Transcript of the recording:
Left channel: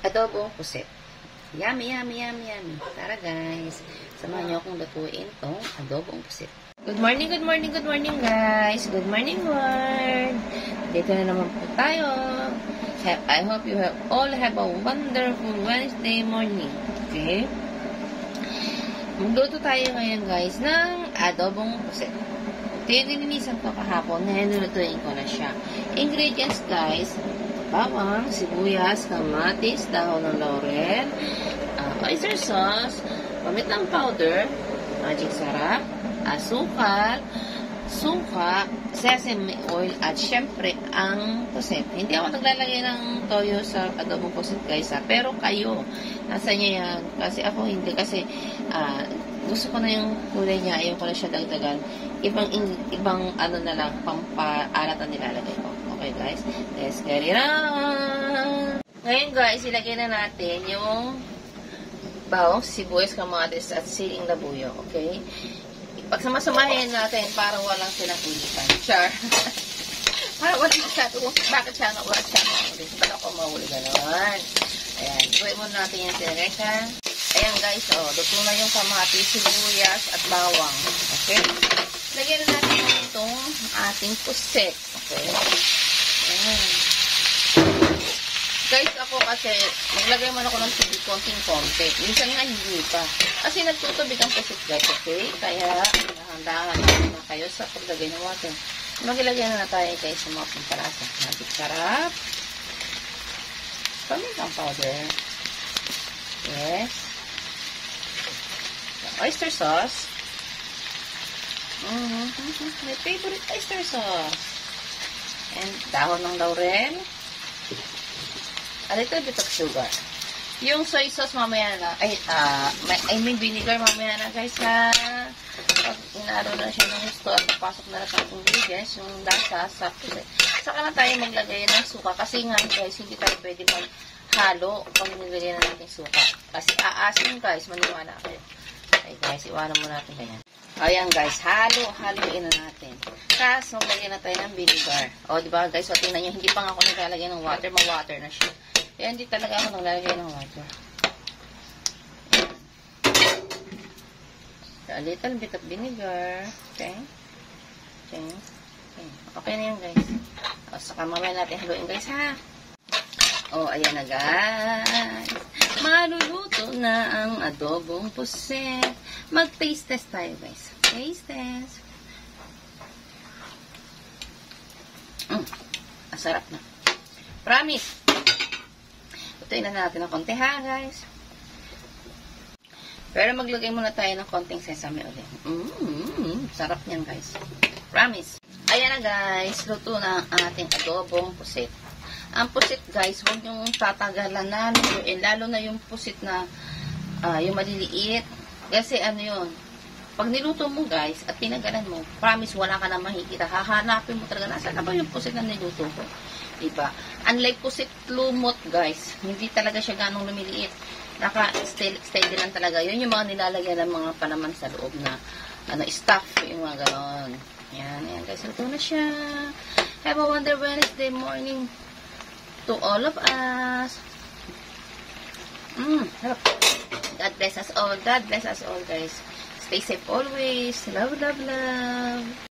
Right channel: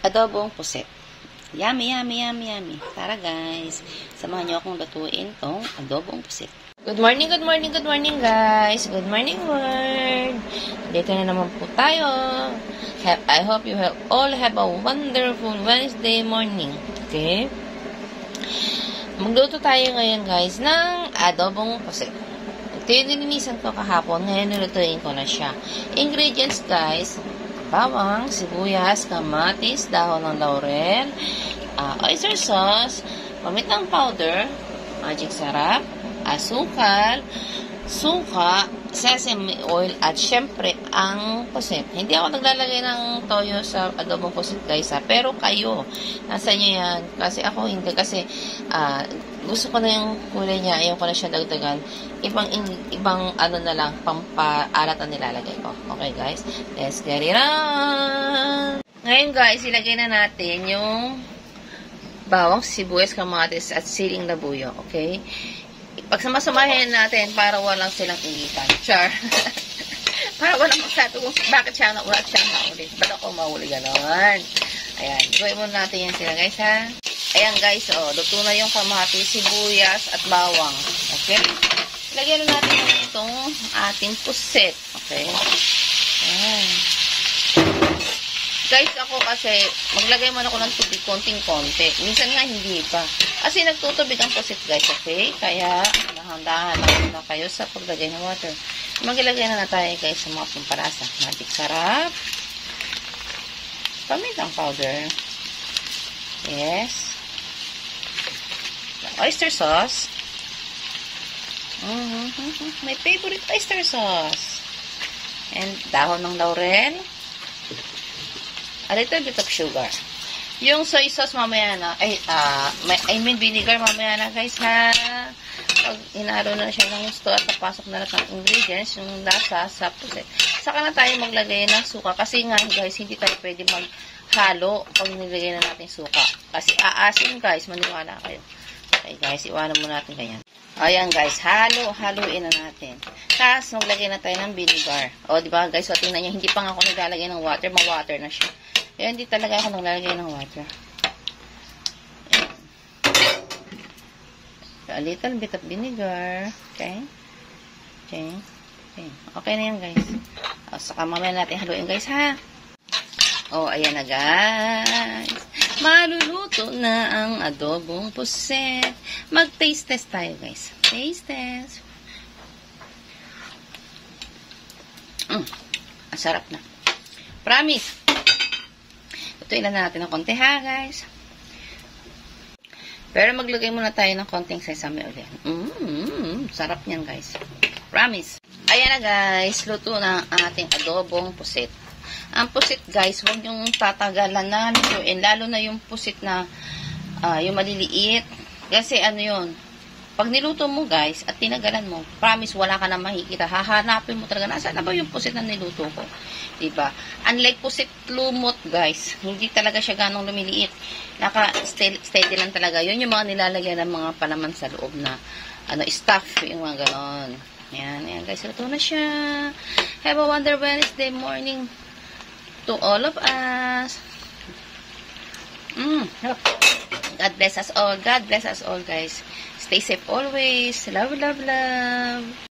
adobong pusit. Yummy, yummy, yummy, yummy. Tara guys, samahan niyo akong lutuin tong adobong pusit. Good morning, good morning, good morning guys. Good morning world. Dito na naman po tayo. I hope you all have a wonderful Wednesday morning. Okay? Magluto tayo ngayon guys ng adobong pusit. Ito yung nilinisan ko kahapon. Ngayon nilutuin ko na siya. Ingredients guys: bawang, sibuyas, kamatis, dahon ng laurel, oyster sauce, pamitang powder, magic sarap, asukal, suka, sesame oil, at syempre ang pusit. Hindi ako naglalagay ng toyo sa adobong pusit guys, pero kayo, nasa nyo yan. Kasi ako hindi, kasi gusto ko na yung kulay niya, ayaw ko na siya dagdagan. Ibang ano na lang, pampaalat na nilalagay ko. Okay guys, let's get it on! Ngayon guys, ilagay na natin yung bawang, sibuyas, kamatis, at siling labuyo. Okay? Pagsamasamahin natin para walang silang ulitan. Char. Para walang masabi kung bakit siya wala siya maulit. Para ko mahuli gano'n. Ayan. Gawin muna natin yan sila guys ha. Ayan guys, luto na yung kamatis, sibuyas, at bawang. Okay? Lagyan na natin itong ating pusit. Okay? Ayan. Guys, ako kasi, maglagay muna ako ng tubig konting-konti. Minsan nga hindi pa. Kasi nagtutubig ang pusit guys, okay? Kaya, dahan-dahan na kayo sa paglagay ng water. Maglagay na tayo guys sa mga pampalasa. Magic sarap. Pamintang powder. Yes. Oyster sauce. My favorite oyster sauce. And dahon ng laurel. A little bit of sugar. Yung soy sauce mamaya na, I mean vinegar mamaya na guys ha. Inaro na siya ng gusto at papasok na lang ang ingredients, yung lasa sa pusit. Saka na tayo maglagay ng suka kasi nga guys, hindi tayo pwede maghalo kung nilagay na natin suka. Kasi aasin guys, maniwala kayo. Okay guys, iwanan mo natin ganyan. Ayan guys, haluin na natin. Tapos, maglagay na tayo ng vinegar. O, diba guys, so tingnan nyo, hindi pa nga ako naglalagay ng water, ma-water na siya. Kaya hindi talaga ako naglalagay ng water. So, a little bit of vinegar. Okay? Okay. Okay. Okay na yan guys. O, saka mamaya natin haluin guys ha. O, ayan na guys. Maluluto na ang adobong pusit. Mag-taste test tayo guys. Taste test. Ang sarap na. Promise. Lutuin na natin ng konti ha guys. Pero maglagay muna tayo ng konting sesame ulit. Sarap niyan guys. Promise. Ayan na guys. Luto na ang ating adobong pusit. Ang pusit guys, huwag yung tatagalan na lutuin. Lalo na yung pusit na yung maliliit. Kasi ano yun, pag niluto mo guys at tinagalan mo, promise wala ka na makikita. Hahanapin mo talaga, nasaan na ba yung pusit na niluto ko? Diba? Unlike pusit lumot guys, hindi talaga siya ganong lumiliit. Naka-steady lang talaga. Yun yung mga nilalagyan ng mga palaman sa loob na stuff, yung mga ganon. Ayan, ayan guys, ito na siya. Have a wonderful Wednesday morning to all of us. God bless us all. God bless us all, guys. Stay safe always. Love, love, love.